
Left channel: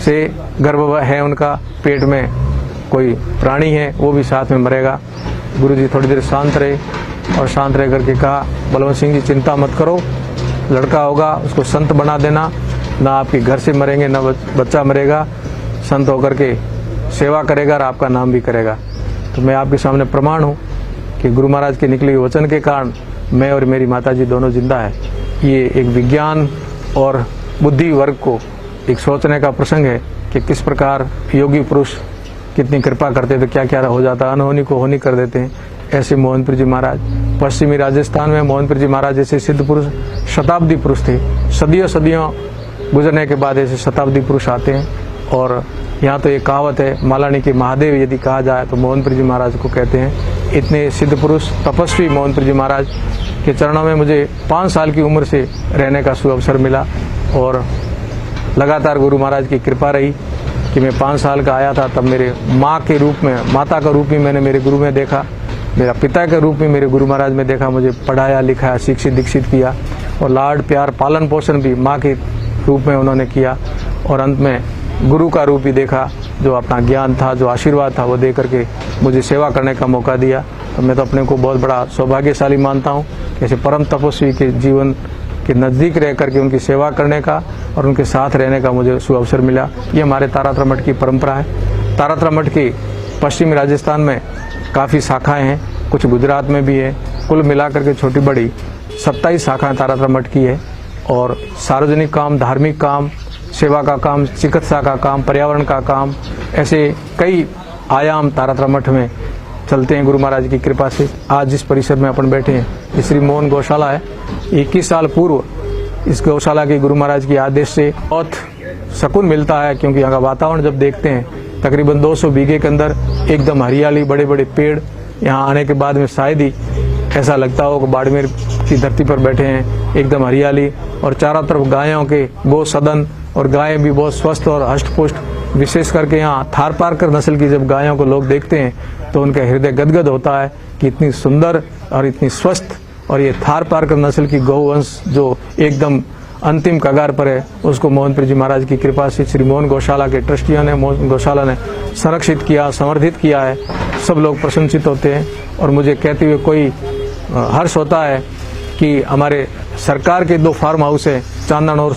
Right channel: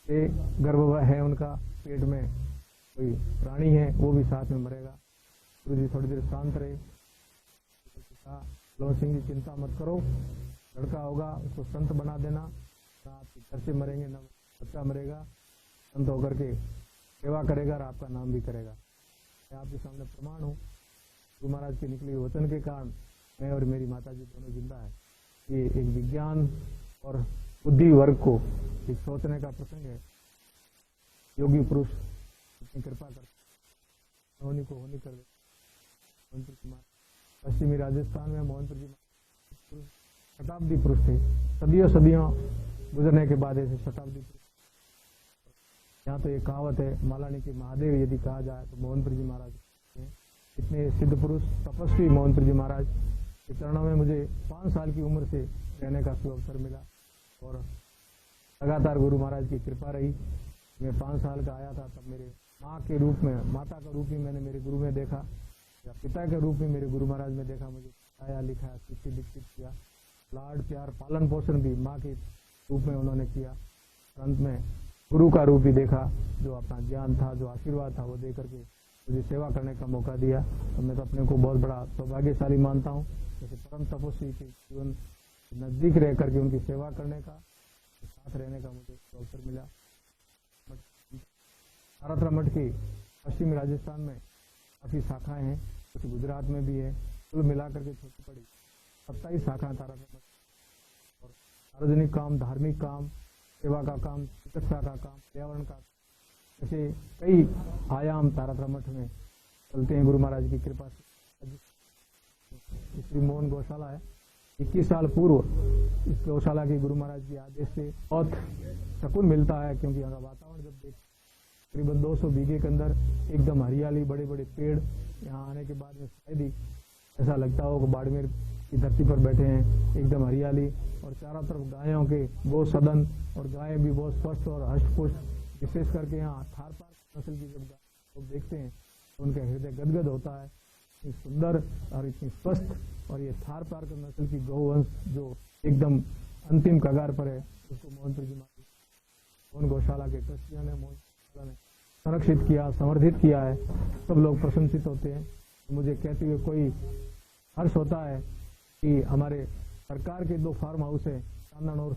से गर्भ है उनका, पेट में कोई प्राणी है वो भी साथ में मरेगा। गुरुजी थोड़ी देर शांत रहे और शांत रह करके कहा बलवंत सिंह जी चिंता मत करो, लड़का होगा उसको संत बना देना, ना आपके घर से मरेंगे ना बच्चा मरेगा, संत होकर के सेवा करेगा और आपका नाम भी करेगा। तो मैं आपके सामने प्रमाण हूँ कि गुरु महाराज के निकले वचन के कारण मैं और मेरी माताजी दोनों जिंदा है। ये एक विज्ञान और बुद्धि वर्ग को एक सोचने का प्रसंग है कि किस प्रकार योगी पुरुष कितनी कृपा करते तो क्या क्या हो जाता, अनहोनी को होनी कर देते हैं। ऐसे मोहनपुर जी महाराज पश्चिमी राजस्थान में मोहनपुर जी महाराज जैसे सिद्ध पुरुष शताब्दी पुरुष थे। सदियों गुजरने के बाद ऐसे शताब्दी पुरुष आते हैं। और यहाँ तो एक कहावत है, मालानी के महादेव यदि कहा जाए तो मोहनपुर जी महाराज को कहते हैं। इतने सिद्ध पुरुष तपस्वी मोहनपुर जी महाराज के चरणों में मुझे 5 साल की उम्र से रहने का सुअवसर मिला और लगातार गुरु महाराज की कृपा रही कि मैं 5 साल का आया था तब मेरे माँ के रूप में, माता का रूप भी मैंने मेरे गुरु में देखा, मेरा पिता के रूप में मेरे गुरु महाराज में देखा। मुझे पढ़ाया लिखाया, शिक्षित दीक्षित किया और लाड प्यार पालन पोषण भी माँ के रूप में उन्होंने किया। और अंत में गुरु का रूप भी देखा, जो अपना ज्ञान था, जो आशीर्वाद था वो दे करके मुझे सेवा करने का मौका दिया। तो मैं तो अपने को बहुत बड़ा सौभाग्यशाली मानता हूँ ऐसे परम तपस्वी के जीवन के नज़दीक रह करके उनकी सेवा करने का और उनके साथ रहने का मुझे सुअवसर मिला। ये हमारे तारातरा मठ की परंपरा है। तारातरा मठ की पश्चिमी राजस्थान में काफ़ी शाखाएं हैं, कुछ गुजरात में भी है। कुल मिलाकर के छोटी बड़ी 27 शाखाएं तारातरा मठ की है। और सार्वजनिक काम, धार्मिक काम, सेवा का काम, चिकित्सा का काम, पर्यावरण का काम, ऐसे कई आयाम तारातरा मठ में चलते हैं गुरु महाराज की कृपा से। आज जिस परिसर में अपन बैठे हैं ये श्री मोहन गौशाला है। 21 साल पूर्व इस गौशाला के गुरु महाराज के आदेश से बहुत सुकून मिलता है, क्योंकि यहाँ का वातावरण जब देखते हैं तकरीबन 200 बीघे के अंदर एकदम हरियाली, बड़े बड़े पेड़। यहाँ आने के बाद में शायद ही ऐसा लगता हो कि बाड़मेर की धरती पर बैठे हैं, एकदम हरियाली। और चारों तरफ गायों के गो सदन, और गायें भी बहुत स्वस्थ और हष्ट-पुष्ट। विशेष करके यहाँ थारपारकर नस्ल की जब गायों को लोग देखते हैं तो उनका हृदय गदगद होता है कि इतनी सुंदर और इतनी स्वस्थ, और ये थारपारकर नस्ल की गौवंश जो एकदम अंतिम कगार पर है, उसको मोहनपुर जी महाराज की कृपा से श्री मोहन गौशाला के ट्रस्टियों ने, मोहन गौशाला ने संरक्षित किया, समर्थित किया है। सब लोग प्रशंसित होते हैं और मुझे कहते हुए कोई हर्ष होता है कि हमारे सरकार के 2 फार्म हाउस है, चांदन और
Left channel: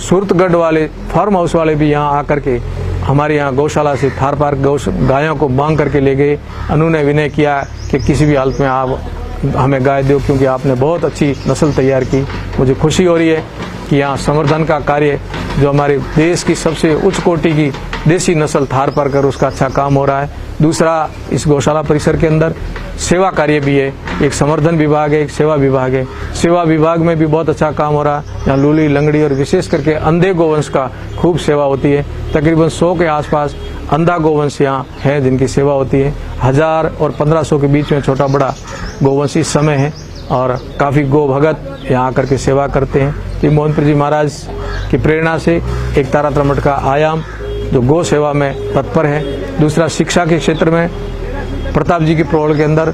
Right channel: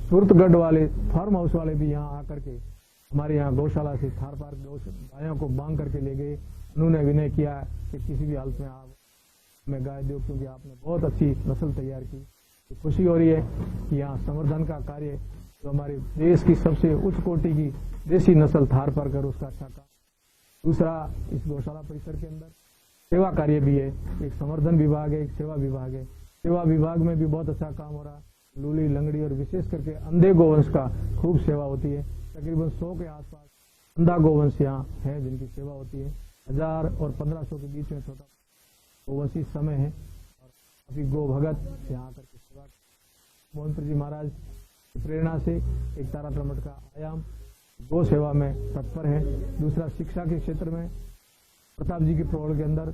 सूरतगढ़ वाले फार्म हाउस वाले भी यहाँ आकर के हमारे यहाँ गौशाला से थारपार गायों को मांग करके ले गए। उन्होंने विनय किया कि किसी भी हालत में आप हमें गाय दो, क्योंकि आपने बहुत अच्छी नस्ल तैयार की। मुझे खुशी हो रही है कि यहाँ संवर्धन का कार्य जो हमारे देश की सबसे उच्च कोटि की देसी नस्ल थारपारकर, उसका अच्छा काम हो रहा है। दूसरा, इस गौशाला परिसर के अंदर सेवा कार्य भी है, एक संवर्धन विभाग है, एक सेवा विभाग है। सेवा विभाग में भी बहुत अच्छा काम हो रहा है। यहाँ लूली, लंगड़ी और विशेष करके अंधे गोवंश का खूब सेवा होती है। तकरीबन 100 के आसपास अंधा गोवंश यहाँ है जिनकी सेवा होती है। 1000 और 1500 के बीच में छोटा बड़ा गोवंश इस समय है, और काफ़ी गो भगत यहाँ आकर के सेवा करते हैं। तो मोहनपुर जी महाराज की प्रेरणा से एक तारातरा मठ का आयाम जो गो सेवा में तत्पर है। दूसरा, शिक्षा के क्षेत्र में प्रताप जी की प्रोड़ के अंदर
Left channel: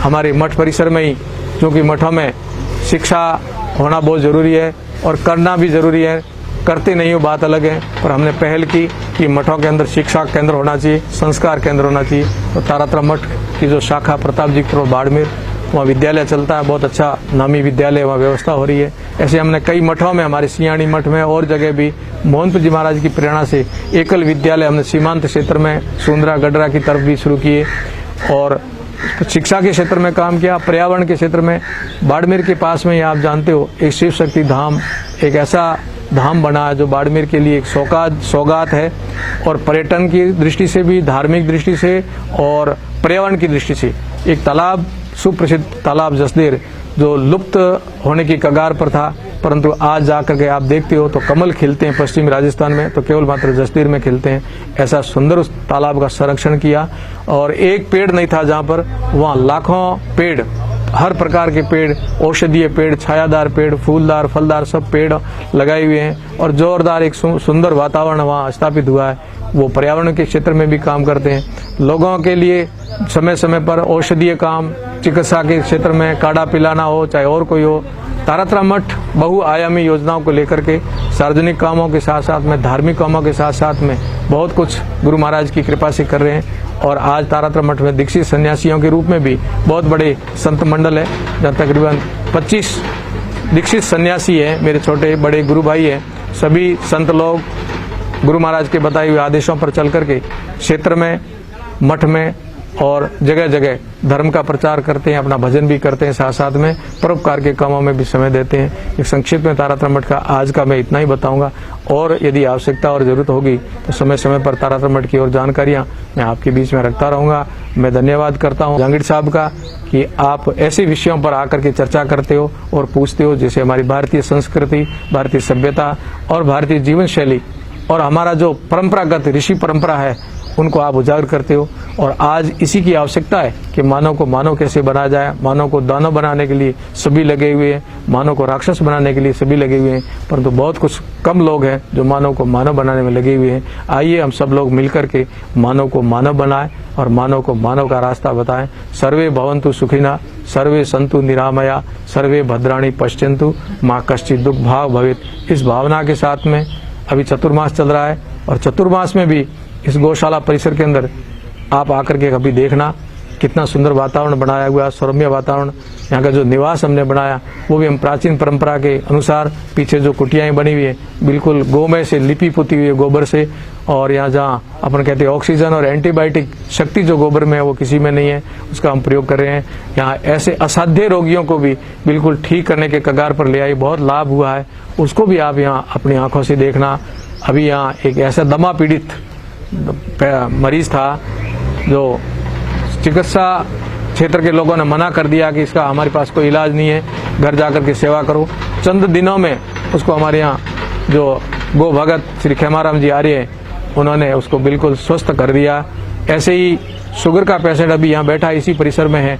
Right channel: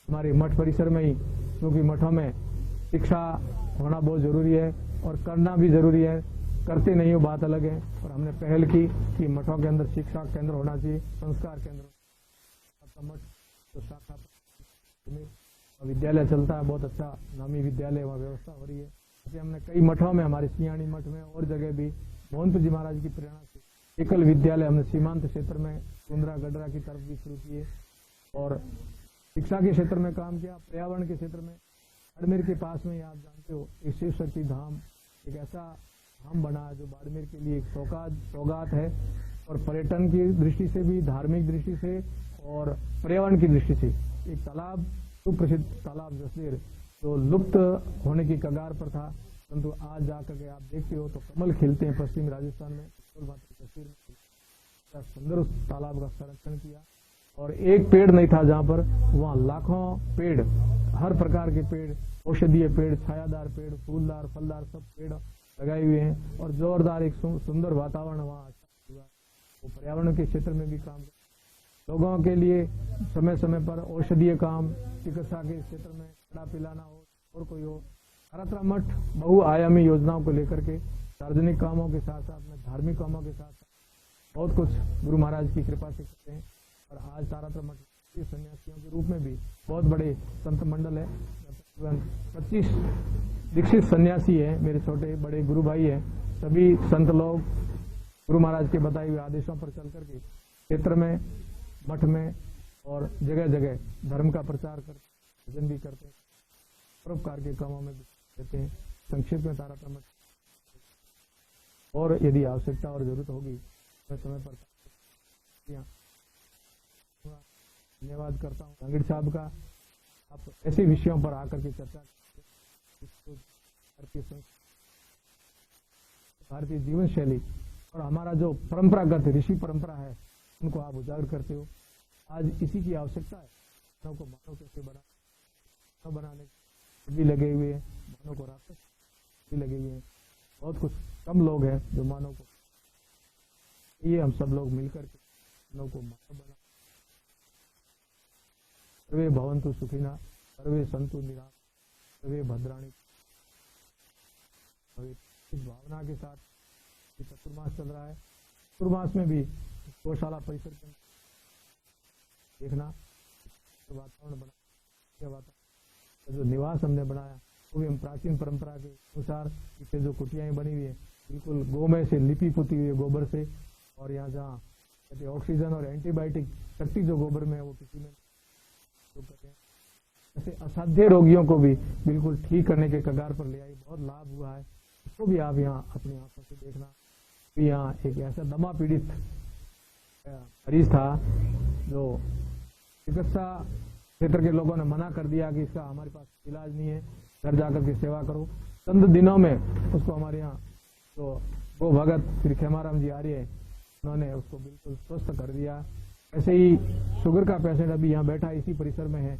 हमारे मठ परिसर में ही, क्योंकि मठों में शिक्षा होना बहुत ज़रूरी है और करना भी ज़रूरी है, करते नहीं हो बात अलग है, पर हमने पहल की कि मठों के अंदर शिक्षा केंद्र होना चाहिए, संस्कार केंद्र होना चाहिए। तो तारातरा मठ की जो शाखा प्रताप जी की बाड़मेर, वहाँ विद्यालय चलता है, बहुत अच्छा नामी विद्यालय, वहाँ व्यवस्था हो रही है। ऐसे हमने कई मठों में, हमारे सियाणी मठ में और जगह भी मोहनपुर जी महाराज की प्रेरणा से एकल विद्यालय हमने सीमांत क्षेत्र में सुंदरा गडरा की तरफ भी शुरू किए, और शिक्षा के क्षेत्र में काम किया। पर्यावरण के क्षेत्र में बाड़मेर के पास में ही आप जानते हो एक शिव शक्ति धाम, एक ऐसा धाम बना है जो बाड़मेर के लिए एक सौगात है, और पर्यटन की दृष्टि से भी, धार्मिक दृष्टि से और पर्यावरण की दृष्टि से। एक तालाब, सुप्रसिद्ध तालाब जसदेर, जो लुप्त होने की कगार पर था, परंतु आज जाकर के आप देखते हो तो कमल खिलते हैं पश्चिमी राजस्थान में, तो केवल मात्र जसदेर में खिलते हैं। ऐसा सुंदर उस तालाब का संरक्षण किया, और एक पेड़ नहीं था जहाँ पर, वहाँ लाखों पेड़, हर प्रकार के पेड़, औषधीय पेड़, छायादार पेड़, फूलदार, फलदार सब पेड़ लगाए हुए हैं, और जोरदार एक सुंदर वातावरण वहाँ स्थापित हुआ है। वो पर्यावरण के क्षेत्र में भी काम करते हैं। लोगों के लिए समय समय पर औषधीय काम, चिकित्सा के क्षेत्र में काढ़ा पिलाना हो, चाहे और कोई हो, तारातरा मठ बहुआयामी योजनाओं को लेकर के सार्वजनिक कामों के साथ साथ में, धार्मिक कामों के साथ साथ में बहुत कुछ गुरु महाराज की कृपा से कर रहे हैं। और आज तारातरा मठ में दीक्षित सन्यासियों के रूप में भी बहुत बड़े संत मंडल है, जहाँ तकरीबन 25 दीक्षित सन्यासी हैं, मेरे छोटे बड़े गुरु भाई हैं। सभी संत लोग गुरु महाराज के बताए हुए आदेशों पर चल करके क्षेत्र में, मठ में और जगह जगह धर्म का प्रचार करते हैं, अपना भजन भी करते हैं, साथ साथ में परोपकार के कामों में भी समय देते हैं। एक संक्षिप्त में तारातरा मठ का आज का मैं इतना ही बताऊंगा, और यदि आवश्यकता और जरूरत होगी तो समय समय पर तारातरा मठ की और जानकारियां मैं आपके बीच में रखता रहूंगा। मैं धन्यवाद करता हूं जहांगीर साहब का कि आप ऐसे विषयों पर आकर के चर्चा करते हो और पूछते हो, जैसे हमारी भारतीय संस्कृति, भारतीय सभ्यता और भारतीय जीवन शैली और हमारा जो परंपरागत ऋषि परंपरा है, उनको आप उजागर करते हो। और आज इसी की आवश्यकता है कि मानव को मानव कैसे बनाया जाए। मानव को दानव बनाने के लिए सभी लगे हुए हैं, मानव को राक्षस बनाने के लिए सभी लगे हुए हैं, परंतु बहुत कुछ कम लोग हैं जो मानव को मानव बनाने में लगे हुए हैं। आइए हम सब लोग मिलकर के मानव को मानव बनाएं और मानव को मानव का रास्ता बताएं। सर्वे भवन्तु सुखिनः, सर्वे सन्तु निरामया, सर्वे भद्राणि पश्यन्तु, माँ कश्चित् दुःख भाव भवेत्। इस भावना के साथ में अभी चतुर्मास चल रहा है, और चतुर्मास में भी इस गौशाला परिसर के अंदर आप आकर के कभी देखना कितना सुंदर वातावरण बनाया हुआ है, सौम्य वातावरण। यहाँ का जो निवास हमने बनाया वो भी हम प्राचीन परंपरा के अनुसार, पीछे जो कुटियाएं बनी हुई है बिल्कुल गोमय से लिपि पुती हुई है, गोबर से। और यहाँ जहाँ अपन कहते हैं ऑक्सीजन और एंटीबायोटिक शक्ति जो गोबर में है वो किसी में नहीं है, उसका हम प्रयोग कर रहे हैं। यहाँ ऐसे असाध्य रोगियों को भी बिल्कुल ठीक करने के कगार पर ले आई, बहुत लाभ हुआ है, उसको भी आप यहाँ अपनी आंखों से देखना। अभी यहाँ एक ऐसा दमा पीड़ित मरीज था जो चिकित्सा क्षेत्र के लोगों ने मना कर दिया कि इसका हमारे पास कोई इलाज नहीं है, घर जाकर के सेवा करो। चंद दिनों में उसको हमारे यहाँ जो गो भगत श्री खेमाराम जी आर्य उन्होंने उसको बिल्कुल स्वस्थ कर दिया। ऐसे ही शुगर का पेशेंट अभी यहाँ बैठा इसी परिसर में है,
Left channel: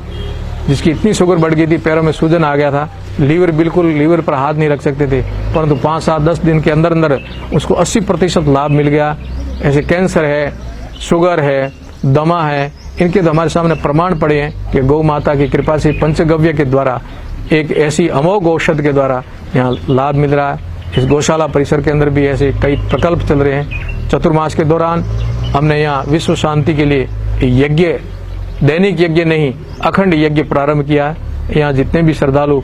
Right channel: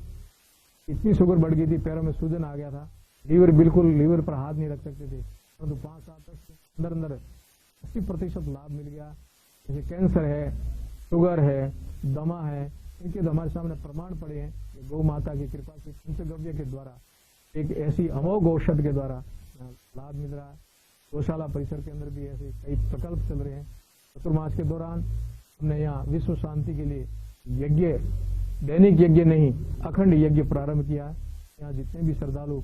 जिसकी इतनी शुगर बढ़ गई थी, पैरों में सूजन आ गया था, लीवर पर हाथ नहीं रख सकते थे, परंतु 5, 7, 10 दिन के अंदर अंदर उसको 80% लाभ मिल गया। ऐसे कैंसर है, शुगर है, दमा है, इनके तो हमारे सामने प्रमाण पड़े हैं कि गौ माता की कृपा से पंचगव्य के द्वारा एक ऐसी अमोघ औषध के द्वारा यहाँ लाभ मिल रहा है। इस गौशाला परिसर के अंदर भी ऐसे कई प्रकल्प चल रहे हैं। चतुर्मास के दौरान हमने यहाँ विश्व शांति के लिए यज्ञ, दैनिक यज्ञ नहीं, अखंड यज्ञ प्रारंभ किया है। यहाँ जितने भी श्रद्धालु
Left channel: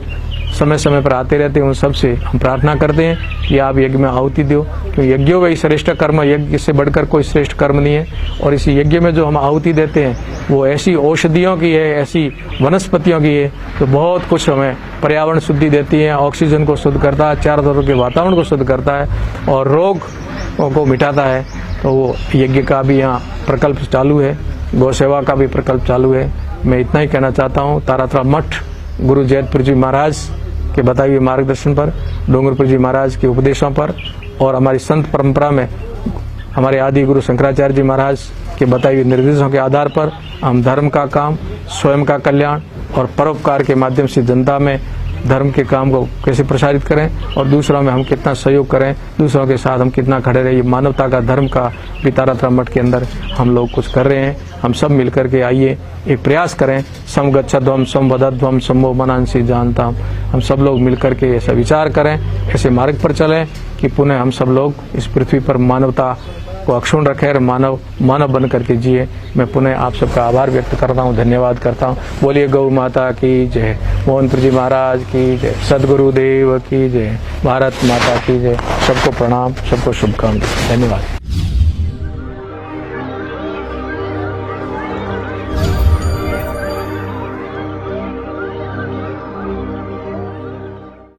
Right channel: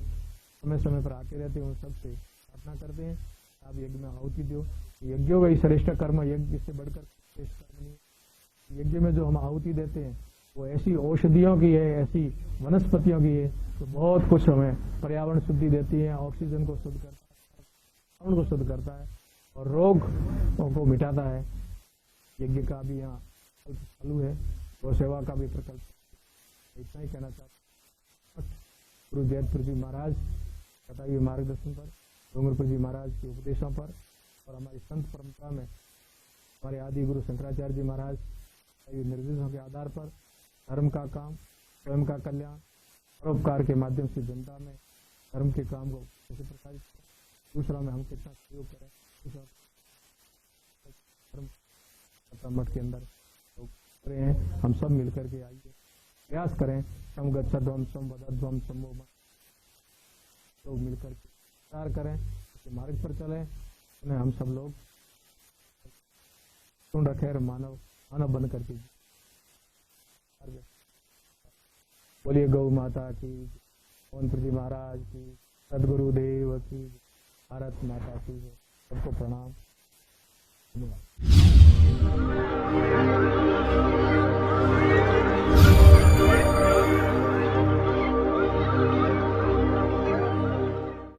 समय समय पर आते रहते हैं, उन सबसे हम प्रार्थना करते हैं कि आप यज्ञ में आहुति दो, क्योंकि यज्ञों में ही श्रेष्ठ कर्म, यज्ञ से बढ़कर कोई श्रेष्ठ कर्म नहीं है। और इसी यज्ञ में जो हम आहुति देते हैं वो ऐसी औषधियों की है, ऐसी वनस्पतियों की है, तो बहुत कुछ हमें पर्यावरण शुद्धि देती है, ऑक्सीजन को शुद्ध करता है, चारों तरफ के वातावरण को शुद्ध करता है और रोग को मिटाता है। तो वो यज्ञ का भी यहाँ प्रकल्प चालू है, गौ सेवा का भी प्रकल्प चालू है। मैं इतना ही कहना चाहता हूँ, तारातरा मठ गुरु जैतपुर जी महाराज के बताए हुए मार्गदर्शन पर, डूंगरपुर जी महाराज के उपदेशों पर और हमारी संत परंपरा में हमारे आदि गुरु शंकराचार्य जी महाराज के बताए हुए निर्देशों के आधार पर हम धर्म का काम, स्वयं का कल्याण और परोपकार के माध्यम से जनता में धर्म के काम को कैसे प्रसारित करें और दूसरों में हम कितना सहयोग करें, दूसरों के साथ हम कितना खड़े रहे, ये मानवता का धर्म का भी तारातरा मठ के अंदर हम लोग कुछ कर रहे हैं। हम सब मिलकर के आइए एक प्रयास करें, समगच्छध्वम समवदध्वम समो मनांसी जानता। हम सब लोग मिलकर के ऐसा विचार करें, ऐसे मार्ग पर चलें कि पुनः हम सब लोग इस पृथ्वी पर मानवता को अक्षुण्ण रखें और मानव बन करके जिए। मैं पुनः आप सबका आभार व्यक्त करता हूँ, धन्यवाद करता हूँ। बोलिए गौ माता की जय, मोहनपुर जी महाराज की जय, सदगुरुदेव की जय, भारत माता की जय। सबको प्रणाम, सबको शुभकामनाएं, धन्यवाद।